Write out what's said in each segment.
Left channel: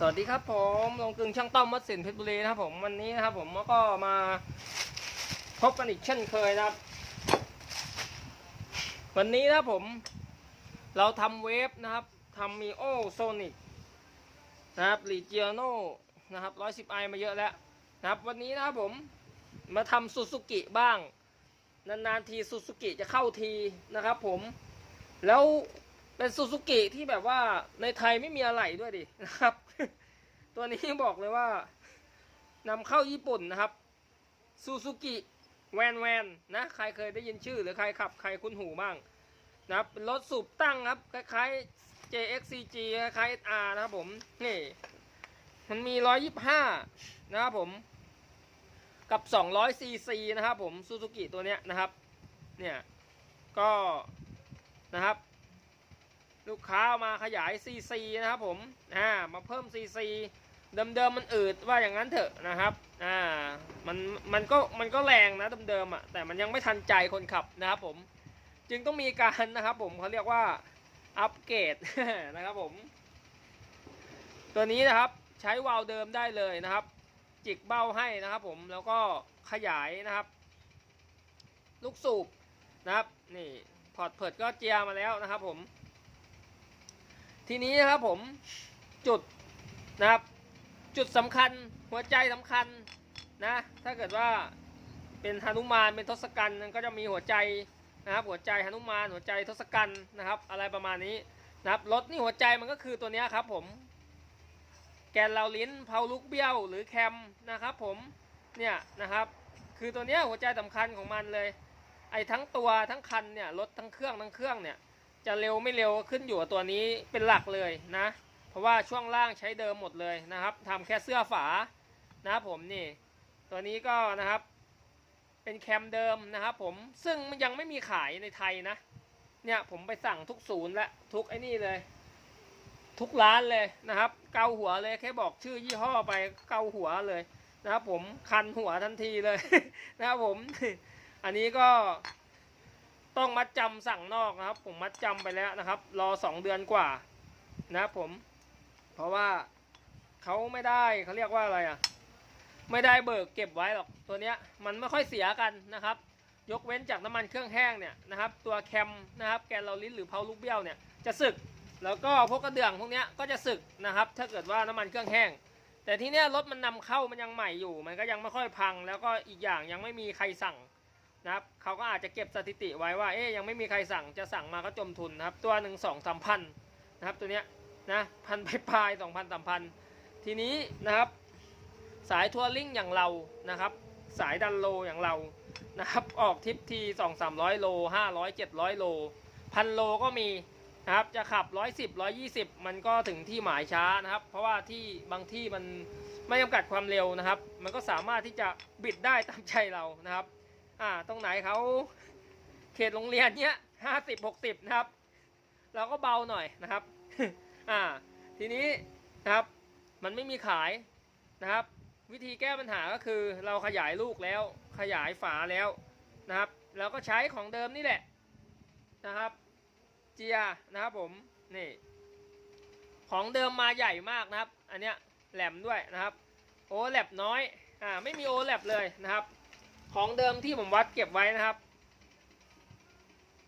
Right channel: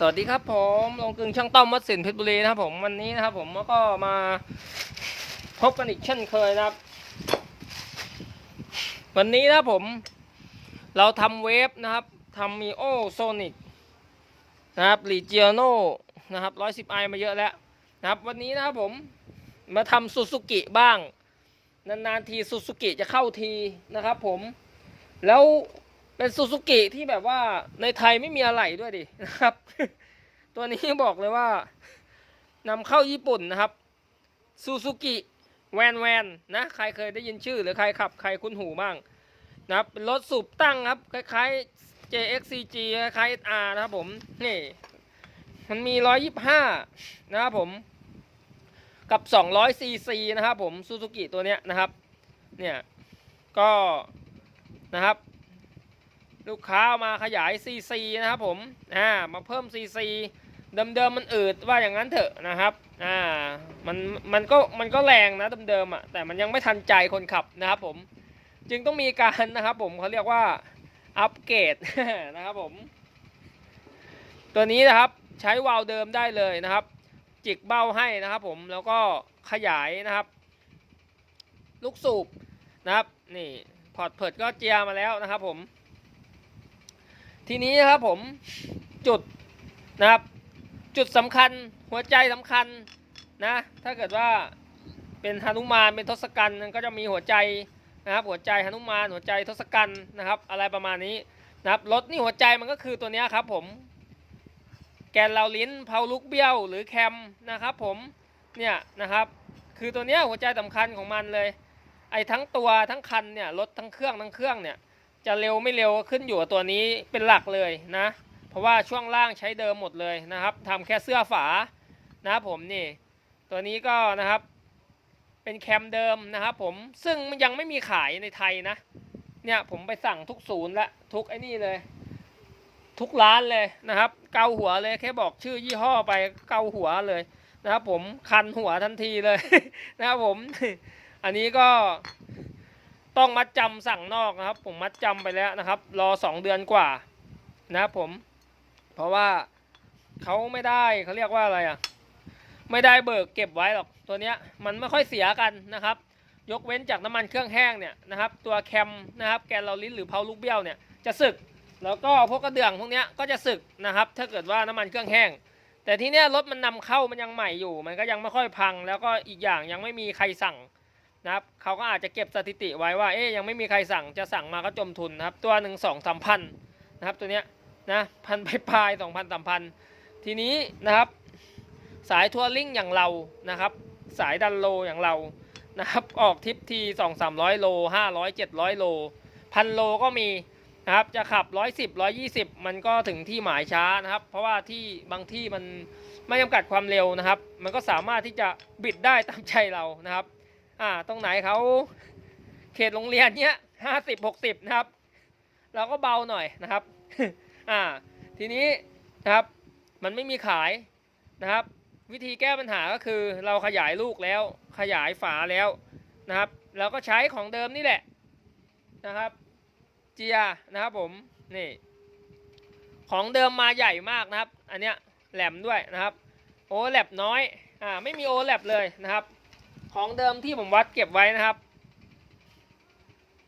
สวัสดีครับผมลงกึงช่างต้อมวัดสินเพชรบุรีนะครับผมวันนี้นะครับ ผมก็มาพบกันอีกเช่นเคยนะครับ วันนี้นะครับผม เราทำเวฟนะครับทำมีโอโซนิกนะครับรีเจียโนนะครับร้อยสิบไอมาเยอะแล้วนะครับ วันนี้นะครับผมมาทำซูซูกิบ้าง นานๆทีซูซูกิจะเข้าทีนะครับ ผมแล้ว เป็นซูซูกิที่แบบว่าในไทยไม่มีอะไรด้วยดินะครับ ตัวนี้บอกเลยว่านำเข้าญี่ปุ่นนะครับซูซูกิแวนแวนนะใครเคยได้ยินชื่อหรือใครขับใครคุ้นหูบ้างนะครับเป็นรถสูบตั้งครับคล้ายๆ JXCG คล้ายๆ SR นะครับผมนี่มันมี 125 นะครับผม กับ 200 cc นะครับผมซูซูกิตัวเนี้ยนะครับ เนี่ย ก็นะครับ ลูกค้าเอามาขยาย cc นะครับผมอ่ามาเพิ่ม cc เดิมๆมันอืดว่าอย่างนั้นเถอะนะครับอ่ามันมันก็มันก็แรงนะเดิมๆอะแต่มันยังไม่ทันใจคนขับนะครับผมจึงต้องมีการนะครับผมเขาเรียกว่าอัปเกรดนะครับผม ตัวนี้นะครับใช้วาล์วเดิมได้เลยนะครับ จิกเบ้าให้นะครับผมแล้วก็ขยายนะครับ ลูกสูบนะครับนี่พอร์ตเพิดก็เจียมาแล้วนะครับผม ทีนี้นะครับผมจุดนะครับ จุดสำคัญหัวใจสำคัญนะถ้าเกิดว่าเป็นหนุมานเป็นทศกัณฐ์ก็จะมีหัวใจนะครับ หัวใจหนุมานหัวใจทศกัณฐ์นะครับ อะไรประมาณนี้นะครับรถนี่หัวใจมันก็คือตัวนี้ครับผมแกนเหลาลิ้นเพาลุกเบี้ยวหรือแคมนะครับผมเนี่ยนะครับ คือตัวเนี้ยหัวใจสำคัญของมันเลย ไอ้ทั้งตัวทั้งคันเนี่ยรถทั้งเครื่องทั้งเครื่องเนี่ย จะเร็วไม่เร็วขึ้นอยู่กับตัวนี้เป็นหลักเลยนะ เพราะว่าช่วงล่างใช้เดิมหมดเลยนะครับทำแค่เสื้อฝานะครับผมนี่ ตัวนี้ก็นะครับ เป็นแคมเดิมนะครับผมซึ่งมันยังไม่มีขายในไทยนะ เนี่ยผมไปสั่งทุกศูนย์ละทุกไอ้นี่เลย ทุกร้านเลยนะครับ เกาหัวเลยแค่บอกชื่อยี่ห้อไปเกาหัวเลยนะครับผมคันหัวทันทีเลย นะครับผม อันนี้ก็ ต้องมัดจำสั่งนอกนะครับ ผมมัดจำไปแล้วนะครับ รอสองเดือนกว่านะครับผม เพราะว่าเขาไม่ได้เขาเรียกว่าอะไรอะ ไม่ได้เบิกเก็บไว้หรอกตัวเนี้ยมันไม่ค่อยเสียกันนะครับ ยกเว้นจากน้ำมันเครื่องแห้งเนี่ยนะครับ ตัวแคมนะครับ แกนเราลิ้นหรือเพาลูกเบี้ยวเนี่ยจะสึก แล้วก็พวกกระเดื่องพวกเนี้ยก็จะสึกนะครับ ถ้าเกิดว่าน้ำมันเครื่องแห้ง แต่ที่เนี้ยรถมันนำเข้ามันยังใหม่อยู่ มันก็ยังไม่ค่อยพัง แล้วก็อีกอย่างยังไม่มีใครสั่ง นะครับเขาก็อาจจะเก็บสถิติไว้ว่าเอ๊ยยังไม่มีใครสั่งจะสั่งมาก็จมทุนนะครับ ตัวหนึ่งสองสามพันนะครับตัวเนี้ยนะพันไปปลายสองพันสามพันทีนี้นะครับ สายทัวริงอย่างเรานะครับ สายดันโลอย่างเรานะครับ ออกทริปทีสองสามร้อยโลห้าร้อยเจ็ดร้อยโลพันโลก็มีนะครับจะขับร้อยสิบร้อยี่สิบมันก็ถึงที่หมายช้านะครับ เพราะว่าที่บางที่มันไม่จำกัดความเร็วนะครับ มันก็สามารถที่จะบิดได้ตามใจเรานะครับ อ่า ตรงไหนเขาเขตโรงเรียนเนี้ยห้าสิบหกสิบนะครับ เราก็เบาหน่อยนะครับ อ่า ทีนี้นะครับ มันไม่มีขายนะครับ วิธีแก้ปัญหาก็คือเราขยายลูกแล้ว ขยายฝาแล้วนะครับเราก็ใช้ของเดิมนี่แหละนะครับ เจียนะครับผมนี่ของเดิมมาใหญ่มากนะครับ อันเนี้ยแหลมด้วยนะครับ โอแลบน้อย อ่า ไม่มีโอแลบเลยนะครับ ของเดิมที่ผมวัดเก็บไว้นะครับ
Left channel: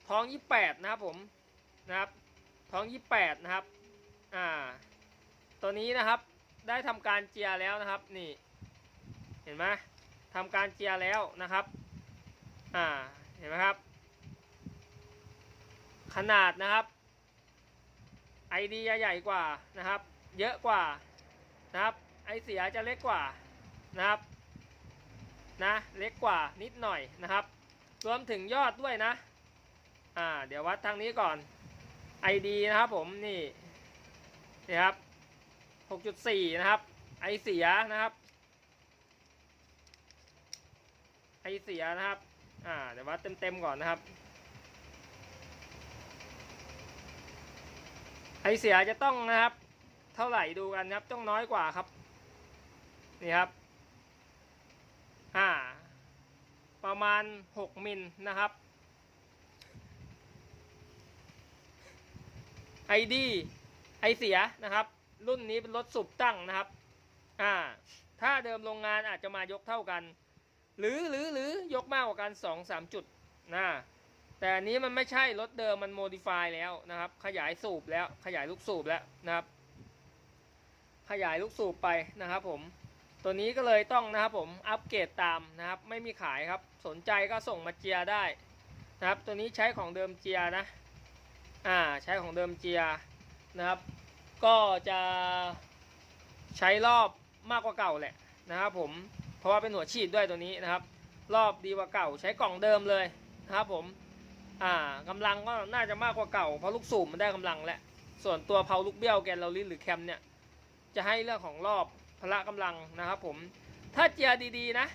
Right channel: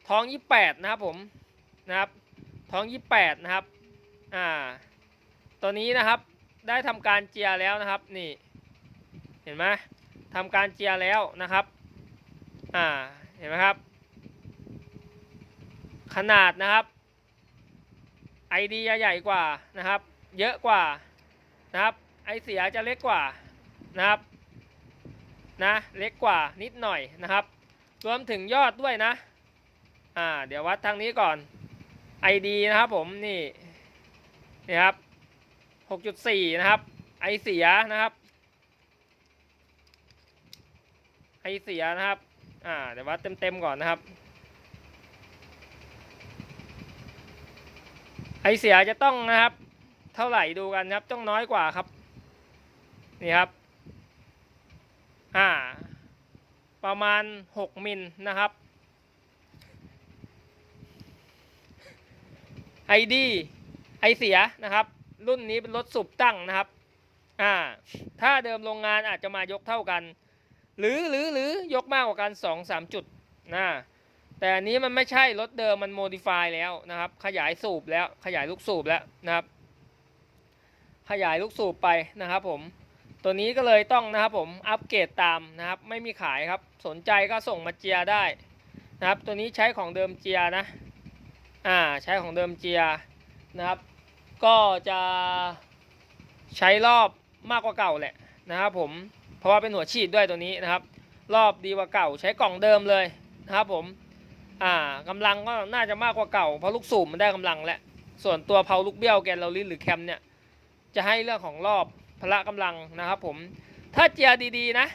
ท้องยี่แปดนะครับผมนะครับ ท้องยี่แปดนะครับอ่าตัวนี้นะครับได้ทำการเจียแล้วนะครับนี่เห็นไหมทำการเจียแล้วนะครับอ่าเห็นไหมครับ ขนาดนะครับไอดีใหญ่กว่านะครับ เยอะกว่านะครับ ไอเสียจะเล็กกว่านะครับ นะเล็กกว่านิดหน่อยนะครับ รวมถึงยอดด้วยนะอ่าเดี๋ยววัดทางนี้ก่อน ID นะครับผมนี่นี่ครับ 6.4 นะครับ ไอเสียนะครับ ไอเสียนะครับอ่าเดี๋ยววัดเต็มๆก่อนนะครับ ไอเสียจะต้องนะครับ เท่าไหร่ดูกันนะครับ ต้องน้อยกว่าครับ นี่ครับ อ่า ประมาณ 6 มิลนะครับ ID ไอเสียนะครับ รุ่นนี้เป็นรถสูบตั้งนะครับ อ่า ถ้าเดิมโรงงานอาจจะมายกเท่ากัน หรือหรือหรือยกมากกว่ากันสองสามจุดนะแต่อันนี้มันไม่ใช่รถเดิมมันโมดิฟายแล้วนะครับ ขยายสูบแล้วขยายลูกสูบแล้วนะครับ ขยายลูกสูบไปนะครับผม ตัวนี้ก็เลยต้องนะครับผมอัปเกรดตามนะครับ ไม่มีขายครับ สนใจก็ส่งมาเจียได้นะครับ ตัวนี้ใช้ของเดิมเจียนะอ่าใช้ของเดิมเจียนะครับ ก็จะใช้รอบมากกว่าเก่าแหละนะครับผมเพราะว่าเป็นหัวฉีดด้วยตัวนี้นะครับ รอบดีกว่าเก่า ใช้กล่องเดิมเลยนะครับผมอ่ากำลังก็น่าจะมากกว่าเก่าเพราะลูกสูบมันได้กำลังแล้วส่วนตัวเพาลูกเบี้ยวแกนเราลินหรือแคมเนี่ยจะให้เรื่องของรอบ พละกำลังนะครับผมถ้าเจียดีๆนะ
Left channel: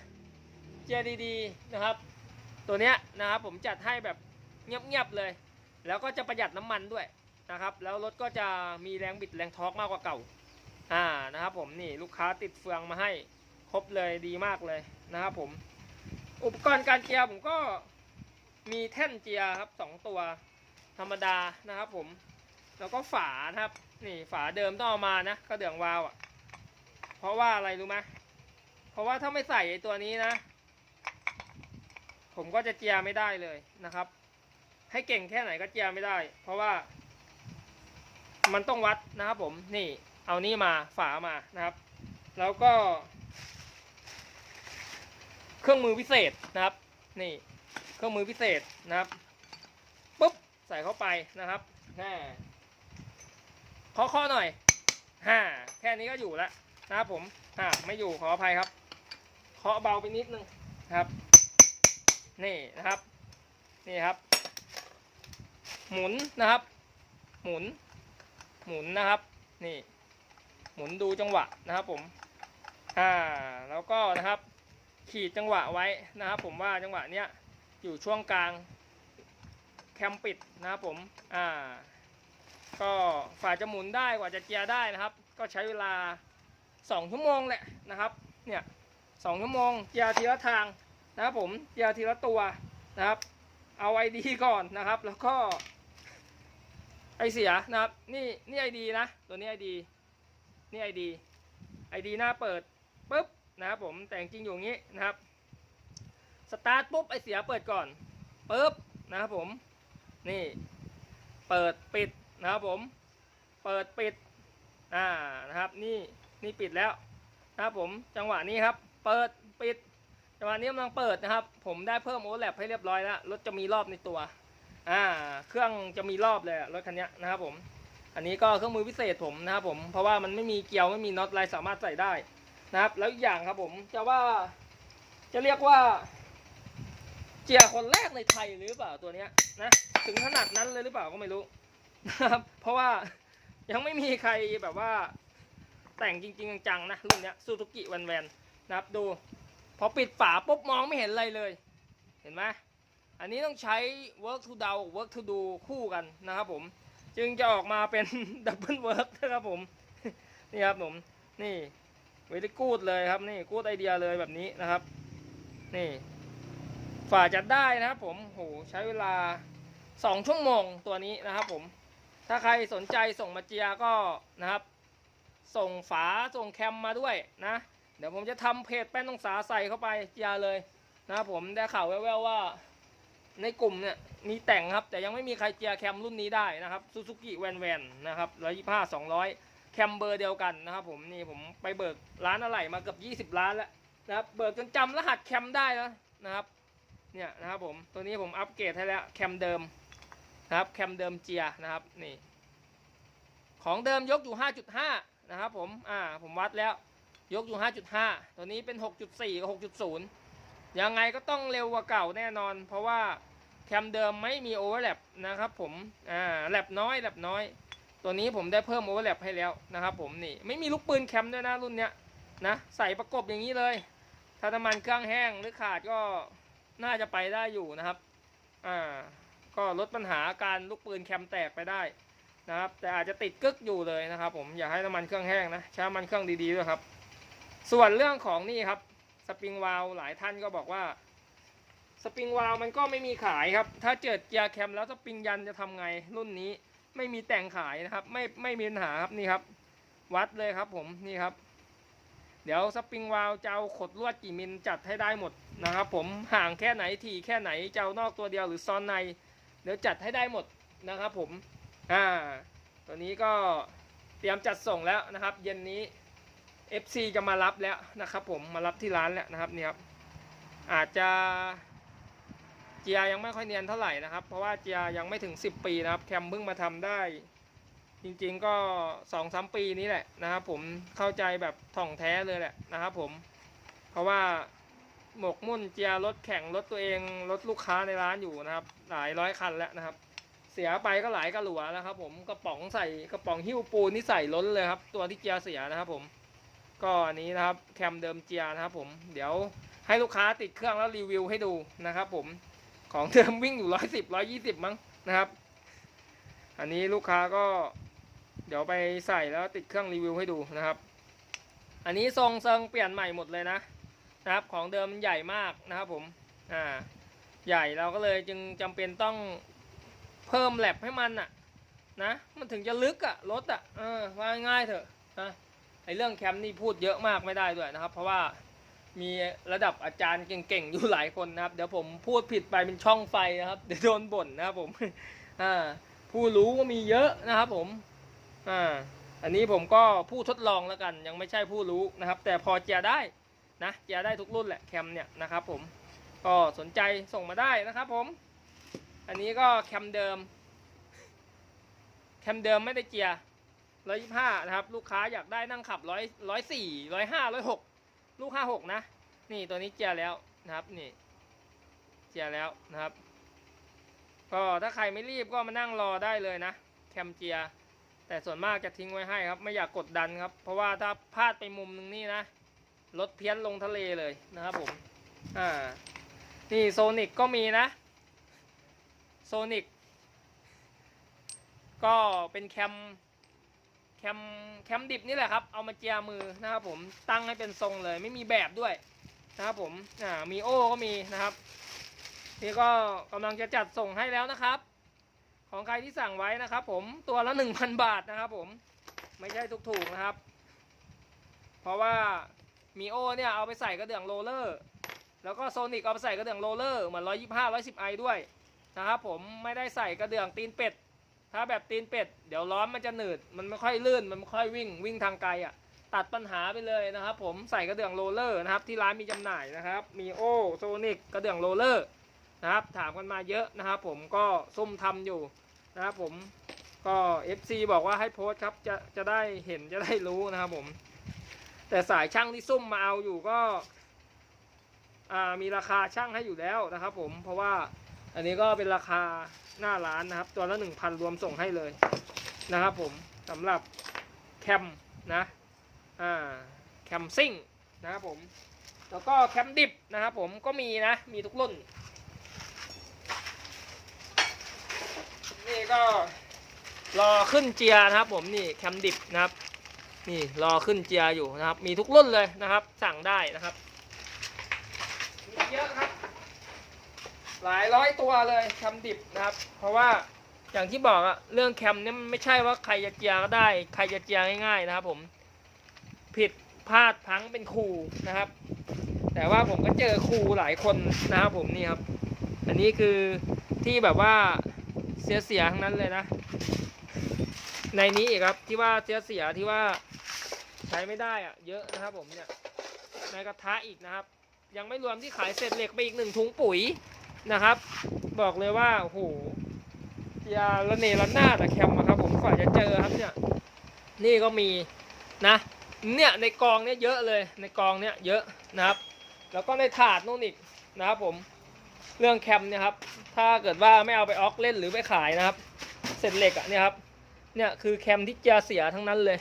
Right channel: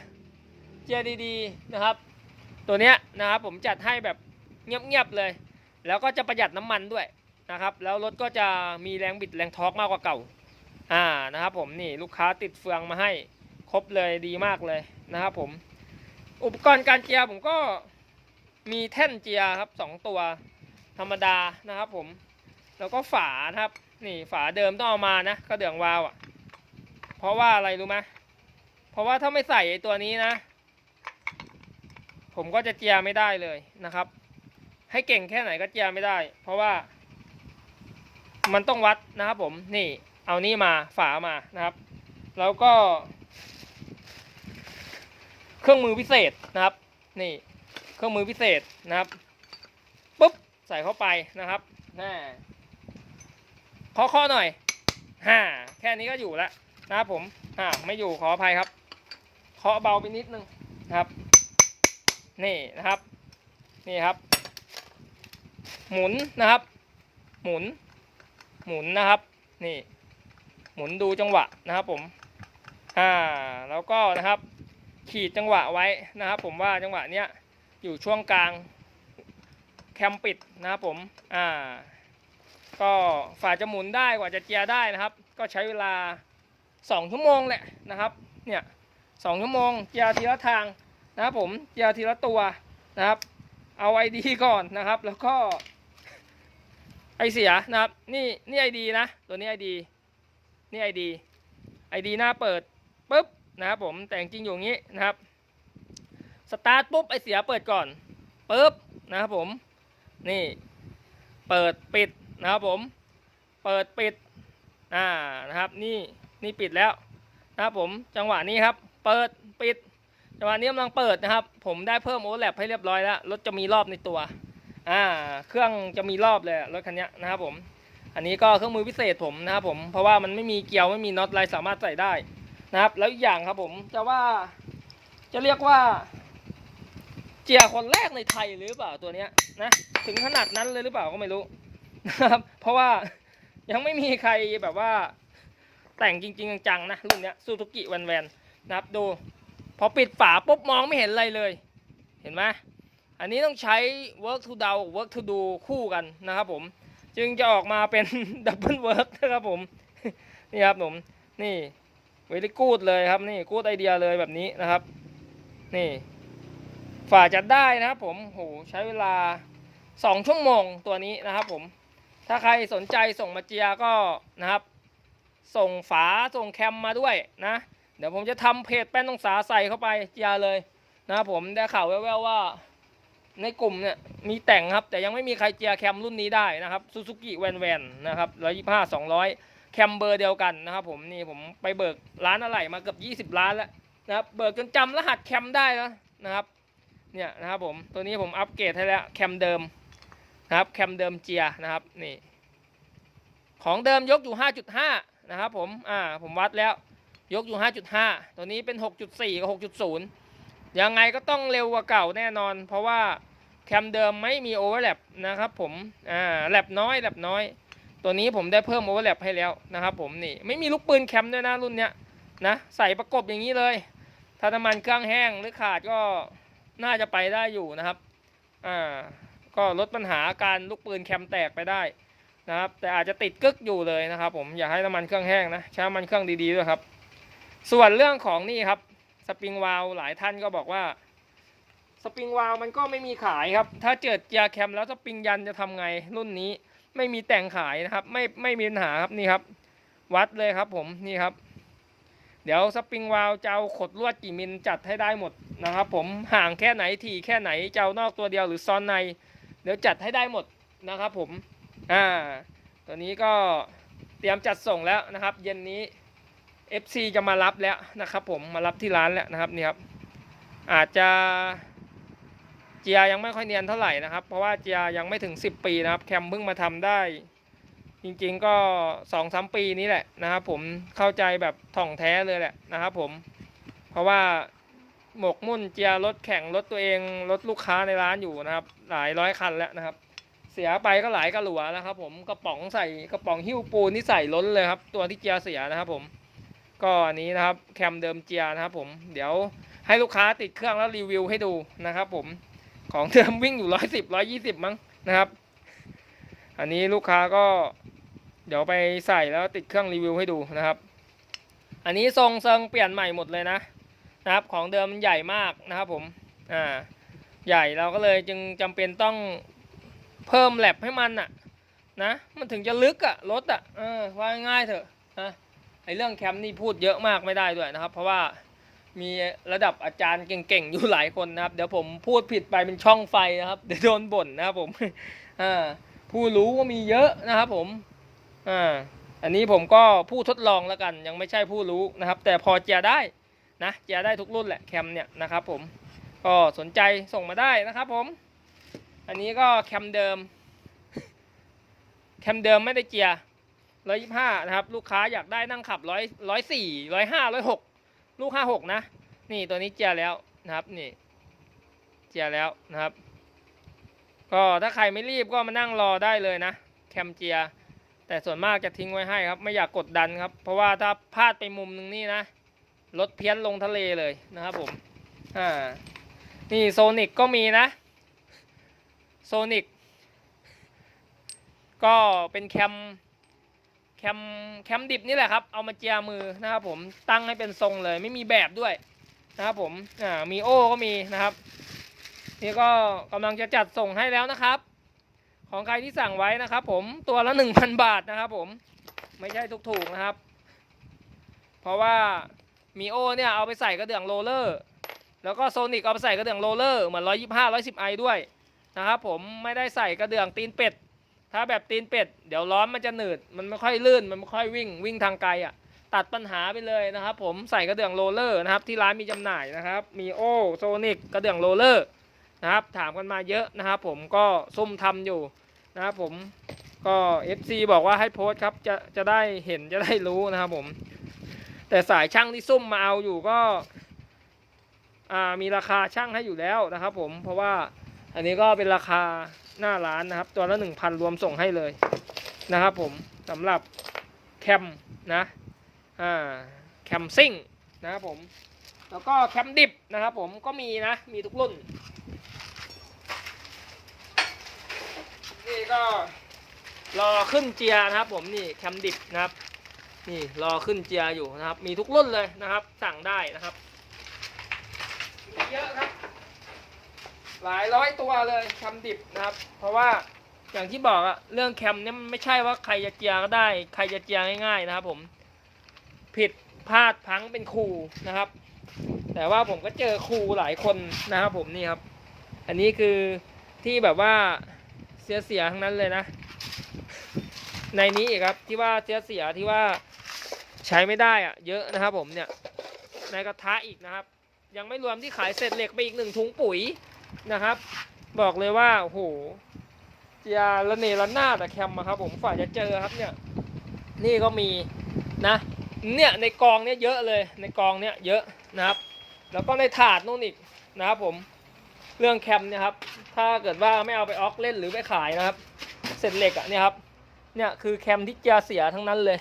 เจียดีๆนะครับ ตัวเนี้ยนะครับผมจัดให้แบบเงียบๆเลย แล้วก็จะประหยัดน้ำมันด้วยนะครับ แล้วรถก็จะมีแรงบิดแรงทอร์กมากกว่าเก่าอ่านะครับผมนี่ลูกค้าติดเฟืองมาให้ครบเลยดีมากเลยนะครับผมอุปกรณ์การเจียผมก็มีแท่นเจียครับสองตัวธรรมดานะครับผม แล้วก็ฝานะครับ นี่ฝาเดิมต้องเอามานะกระเดื่องวาล์วอะ ราะว่าอะไรรู้ไหมเพราะว่าถ้าไม่ใส่ไอ้ตัวนี้นะ ผมก็จะเจียไม่ได้เลยนะครับ ให้เก่งแค่ไหนก็เจียไม่ได้ เพราะว่า มันต้องวัดนะครับผมนี่เอานี่มาฝามานะครับ แล้วก็ เครื่องมือพิเศษนะครับ นี่ เครื่องมือพิเศษนะครับปุ๊บใส่เข้าไปนะครับแม่ขอข้อหน่อยฮ่าแค่นี้ก็อยู่แล้วนะ ครับผมฮ่าไม่อยู่ขออภัยครับเคาะเบาไปนิดนึงครับ นี่นะครับ นี่ครับ หมุนนะครับ หมุน หมุนนะครับ นี่ หมุนดูจังหวะนะครับผมอ่าแล้วก็นะครับ ขีดจังหวะไว้นะครับ ผมว่าจังหวะเนี้ยอยู่ช่วงกลางแคมปิดนะครับผม อ่า ก็ฝ่าจะหมุนได้กว่าจะเจียได้นะครับ ก็ใช้เวลา 2ชั่วโมงแหละนะครับ เนี่ยสองชั่วโมงเจียร์ทีละทางนะครับผมเจียร์ทีละตัวนะครับ เอาไอดีก่อนนะครับ แล้วก็ไอเสียนะครับ นี่นี่ไอดีนะ ตัวนี้ไอดีนี่ไอดีไอดีหน้าเปิดปุ๊บนะครับผมแต่จริงอยู่งี้นะครับสตาร์ทปุ๊บไอเสียเปิดก่อนปุ๊บนะครับผมนี่เปิดปิดนะครับผม เปิดปิดอ่านะครับนี่ นี่ปิดแล้วนะครับผมจังหวะนี้ครับ เปิดปิด จังหวะนี้กำลังเปิดนะครับ ผมได้เพิ่มโอเวอร์แลปให้เรียบร้อยแล้วรถจะมีรอบในตัวอ่าเครื่องจะมีรอบเลยรถคันนี้นะครับผม อันนี้ก็เครื่องมือพิเศษผมนะครับผมเพราะว่ามันไม่มีเกลียวไม่มีน็อตอะไรสามารถใส่ได้นะครับ แล้วอีกอย่างครับผมจะว่าจะเรียกว่า เจียคนแรกในไทยหรือเปล่าตัวเนี้ยนะถึงขนาดนั้นเลยหรือเปล่าก็ไม่รู้นะครับเพราะว่ายังไม่มีใครแบบว่า แต่งจริงๆจังๆนะรุ่นเนี้ยซูซูกิแวนแวนนะครับดู พอปิดฝาปุ๊บมองไม่เห็นอะไรเลย เห็นไหมอันนี้ต้องใช้ work to do work to do คู่กันนะครับผม จึงจะออกมาเป็นดับเบิลเวิร์กนะครับผม นี่ครับผม นี่เวลิกูดเลยครับนี่กูดไอเดียเลยแบบนี้นะครับ นี่ฝ่าจะได้นะครับผมโหใช้เวลาสองชั่วโมงตัวนี้นะครับผม ถ้าใครสนใจส่งมาเจียก็นะครับ ส่งฝาส่งแคมมาด้วยนะ เดี๋ยวผมจะทำเพจแป้นตองสาใส่เข้าไปเจียเลยนะครับผมได้ข่าวแว่วๆว่า ในกลุ่มเนี่ยมีแต่งครับ แต่ยังไม่มีใครเจียแคมรุ่นนี้ได้นะครับซูซูกิแวนแวนนะครับร้อยยี่ห้าสองร้อยแคมเบอร์เดียวกันนะครับผมนี่ผมไปเบิกร้านอะไรมาเกือบยี่สิบ20ล้านแล้วนะครับเบิกจนจำรหัสแคมได้แล้วนะครับเนี่ยนะครับผมตัวนี้ผมอัปเกรดให้แล้วแคมเดิมนะครับแคมเดิมเจียนะครับนี่ของเดิมยกอยู่5.5 นะครับผม อ่า ผมวัดแล้ว ยกอยู่ 5.5 ตัวนี้เป็น 6.4 กับ 6.0 ยังไงก็ต้องเร็วกว่าเก่าแน่นอน เพราะว่าแคมเดิมไม่มีโอเวอร์แลปนะครับผม อ่า แลปน้อย แลปน้อย ตัวนี้ผมได้เพิ่มโอเวอร์แลปให้แล้วนะครับผม นี่ ไม่มีลูกปืนแคมด้วยนะรุ่นเนี้ยนะ ใส่ประกบอย่างนี้เลย ถ้าน้ำมันเครื่องแห้งหรือขาดก็น่าจะไปได้อยู่นะครับ อ่า ก็ลดปัญหาการลูกปืนแคมแตกไปได้ นะครับ แต่อาจจะติดกึกอยู่เลยนะครับ ผมอยากให้น้ำมันเครื่องแห้งนะใช้น้ำมันเครื่องดีๆด้วยครับ ส่วนเรื่องของนี่ครับสปริงวาลหลายท่านก็บอกว่าสปริงวาลมันก็ไม่มีขายครับ ถ้าเกิดเจียแคมแล้วสปริงยันจะทำไงรุ่นนี้ไม่มีแต่งขายนะครับ ไม่ไม่มีปัญหาครับนี่ครับ วัดเลยครับผมนี่ครับ เดี๋ยวสปริงวาลจะเอาขดลวดกี่มิลจัดให้ได้หมดนะครับ ผมห่างแค่ไหนถี่แค่ไหนจะเอานอกตัวเดียวหรือซ้อนใน เดี๋ยวจัดให้ได้หมดนะครับ ผม อ่าตัวนี้ก็เตรียมจัดส่งแล้วนะครับ เย็นนี้ FC จะมารับแล้วนะครับ ผมมารับที่ร้านแล้วนะครับนี่ครับอาจจะเจียยังไม่ค่อยเนียนเท่าไหร่นะครับ เพราะว่าเจียยังไม่ถึง 10 ปีนะครับ แคมเพิ่งมาทำได้ จริงๆก็สองสามปีนี้แหละนะครับ ผมเข้าใจแบบถ่องแท้เลยแหละนะครับ ผม เพราะว่าหมกมุ่นเจียรถแข่งรถตัวเองรถลูกค้าในร้านอยู่นะครับ หลายร้อยคันแล้วนะครับ เสียไปก็หลายกระหลัวแล้วครับผมกระป๋องใส่กระป๋องหิ้วปูนที่ใส่ล้นเลยครับ ตัวที่เจียเสียนะครับผมก็อันนี้นะครับแคมเดิมเจียนะครับผมเดี๋ยวให้ลูกค้าติดเครื่องแล้วรีวิวให้ดูนะครับผมของเดิมวิ่งอยู่ร้อยสิบร้อยยี่สิบมั้งนะครับ อันนี้ลูกค้าก็ เดี๋ยวไปใส่แล้วติดเครื่องรีวิวให้ดูนะครับ อันนี้ทรงเซิงเปลี่ยนใหม่หมดเลยนะนะครับ ของเดิมมันใหญ่มากนะครับผมอ่าใหญ่เราก็เลยจึงจำเป็นต้อง เพิ่มแลบให้มันอะนะมันถึงจะลึกอะรถอะเออว่าง่ายเถอะนะไอเรื่องแคมป์นี่พูดเยอะมากไม่ได้ด้วยนะครับ เพราะว่ามีระดับอาจารย์เก่งๆอยู่หลายคนนะครับ เดี๋ยวผมพูดผิดไปเป็นช่องไฟนะครับเดี๋ยวโดนบ่นนะครับผมอ่าผู้รู้ก็มีเยอะนะครับผมอ่าอันนี้ผมก็ผู้ทดลองแล้วกัน ยังไม่ใช่ผู้รู้นะครับ แต่พอเจียได้นะเจียได้ทุกรุ่นแหละแคมเนี่ยนะครับผมก็สนใจส่งมาได้นะครับผม อันนี้ก็แคมเดิม แคมเดิมไม่ได้เจียร้อยยี่ห้านะครับ ลูกค้าอยากได้นั่งขับร้อยร้อยสี่ร้อยห้าร้อยหกลูกห้าหกนะ นี่ตัวนี้เจียแล้วนะครับ นี่ เจียแล้วนะครับ ก็ถ้าใครไม่รีบก็มานั่งรอได้เลยนะ แคมเจีย แต่ส่วนมากจะทิ้งไว้ให้ครับ ไม่อยากกดดันครับ เพราะว่าถ้าพลาดไปมุมหนึงนี่นะรถเพี้ยนลงทะเลเลยนะครับผม อ่า นี่โซนิกก็มีนะ โซนิกก็เป็นแคมแคมแคมดิบนี่แหละครับ เอามาเจียมือนะครับผมตั้งให้เป็นทรงเลย ไม่มีแบบด้วยนะครับผมอ่ามีโอ้ก็มีนะครับ นี่ก็กำลังจะจัดส่งให้แล้วนะครับ ของใครที่สั่งไว้นะครับ ผมตัวละหนึ่งพันบาทนะครับ ผมไม่ใช่ถูกๆนะครับ เพราะว่ามีโอเนี่ยเอาไปใส่กระเดื่องโรลเลอร์ แล้วก็โซนิกเอาไปใส่กระเดื่องโรลเลอร์เหมือนร้อยยี่ห้าร้อยสิบไอด้วย นะครับผมไม่ได้ใส่กระเดื่องตีนเป็ด ถ้าแบบตีนเป็ด เดี๋ยวล้อมมันจะหนืด มันไม่ค่อยลื่น มันไม่ค่อยวิ่งวิ่งทางไกลอะ ตัดปัญหาไปเลยนะครับ ผมใส่กระเดื่องโรลเลอร์นะครับ ที่ร้านมีจำหน่ายนะครับ มีโอโซนิกกระเดื่องโรลเลอร์นะครับ ถามกันมาเยอะนะครับ ผมก็ซุ่มทำอยู่นะครับผมก็ FC บอกว่าให้โพสต์ครับจะจะได้เห็นจะได้รู้นะครับผม แต่สายช่างที่ซุ่มมาเอาอยู่ก็ อ่ามีราคาช่างให้อยู่แล้วนะครับ ผมเพราะว่า อันนี้ก็เป็นราคาหน้าร้านนะครับ ตัวละหนึ่งพันรวมส่งให้เลยนะครับผมสำหรับแคมนะอ่าแคมซิ่งนะครับผม แล้วก็แคมดิบนะครับผมก็มีนะ มีทุกรุ่น นี่ก็รอขึ้นเจียนะครับผมนี่แคมดิบนะครับ นี่รอขึ้นเจียอยู่นะครับ มีทุกรุ่นเลยนะครับ สั่งได้นะครับ มีเยอะครับ หลายร้อยตัวเลยแคมดิบนะครับ เพราะว่าอย่างที่บอกอะเรื่องแคมเนี่ยมันไม่ใช่ว่าใครจะเจียก็ได้ ใครจะเจียง่ายๆนะครับ ผมผิดพลาดพังเป็นครูนะครับ แต่ว่าผมก็เจอครูหลายคนนะครับ ผมนี่ครับ อันนี้คือที่แบบว่าเสียเสียทั้งนั้นเลยนะ ในนี้อีกครับที่ว่าเสียเสียที่ว่าใช้ไม่ได้อะเยอะนะครับ ผมเนี่ยในกระทะอีกนะครับ ยังไม่รวมที่ขายเศษเหล็กไปอีกหนึ่งถุงปุ๋ย นะครับ บอกเลยว่าโอ้โหยาละเนระนาดอะแคมอะครับ ผมกว่าจะเจอครับเนี่ย นี่ก็มีนะ เนี่ยในกองเนี่ยเยอะเลยในกองเนี่ยเยอะนะครับ แล้วก็ในถาดนู่นอีกนะครับผมเรื่องแคมเนี่ยครับ ถ้าเกิดว่าไม่เอาไปออกเล่นหรือไปขายนะครับ เศษเหล็กอะเนี่ยครับ เนี่ยคือแคมที่เจียเสียทั้งนั้นเลย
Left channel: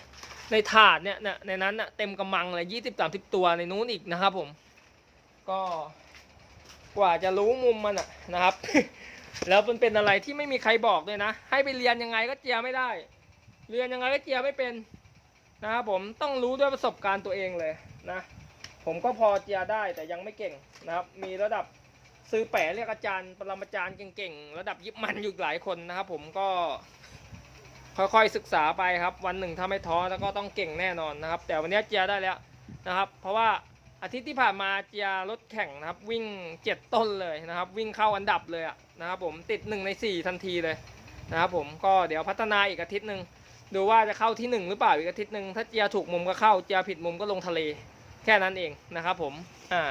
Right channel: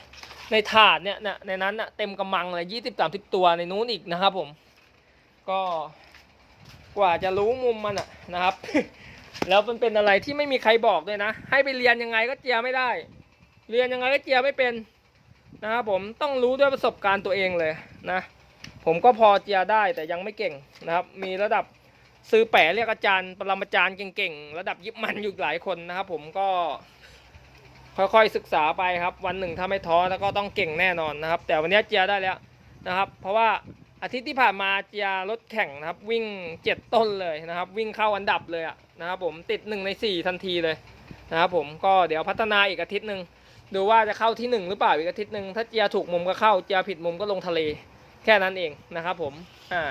ในถาดเนี่ยนะในนั้นอะเต็มกำมังเลยยี่สิบสามสิบตัวในนู้นอีกนะครับผม ก็ กว่าจะรู้มุมมันอะนะครับ แล้วมันเป็นอะไรที่ไม่มีใครบอกเลยนะ ให้ไปเรียนยังไงก็เจียไม่ได้ เรียนยังไงก็เจียไม่เป็นนะครับผมต้องรู้ด้วยประสบการณ์ตัวเองเลยนะ ผมก็พอเจียได้แต่ยังไม่เก่งนะครับ มีระดับซื้อแปะเรียกอาจารย์ปรมาจารย์เก่งๆ ระดับยิบมันอยู่หลายคนนะครับผมก็ค่อยๆศึกษาไปครับ วันหนึ่งถ้าไม่ท้อแล้วก็ต้องเก่งแน่นอนนะครับ แต่วันนี้เจียได้แล้วนะครับ เพราะว่า อาทิตย์ที่ผ่านมาเจียรถแข่งนะครับ วิ่งเจ็ดต้นเลยนะครับ วิ่งเข้าอันดับเลยอะนะครับผมติดหนึ่งในสี่ทันทีเลยนะครับผมก็เดี๋ยวพัฒนาอีกอาทิตย์หนึ่งดูว่าจะเข้าที่หนึ่งหรือเปล่าอีกอาทิตย์หนึ่งถ้าเจียถูกมุมก็เข้าเจียผิดมุมก็ลงทะเล แค่นั้นเองนะครับผมอ่า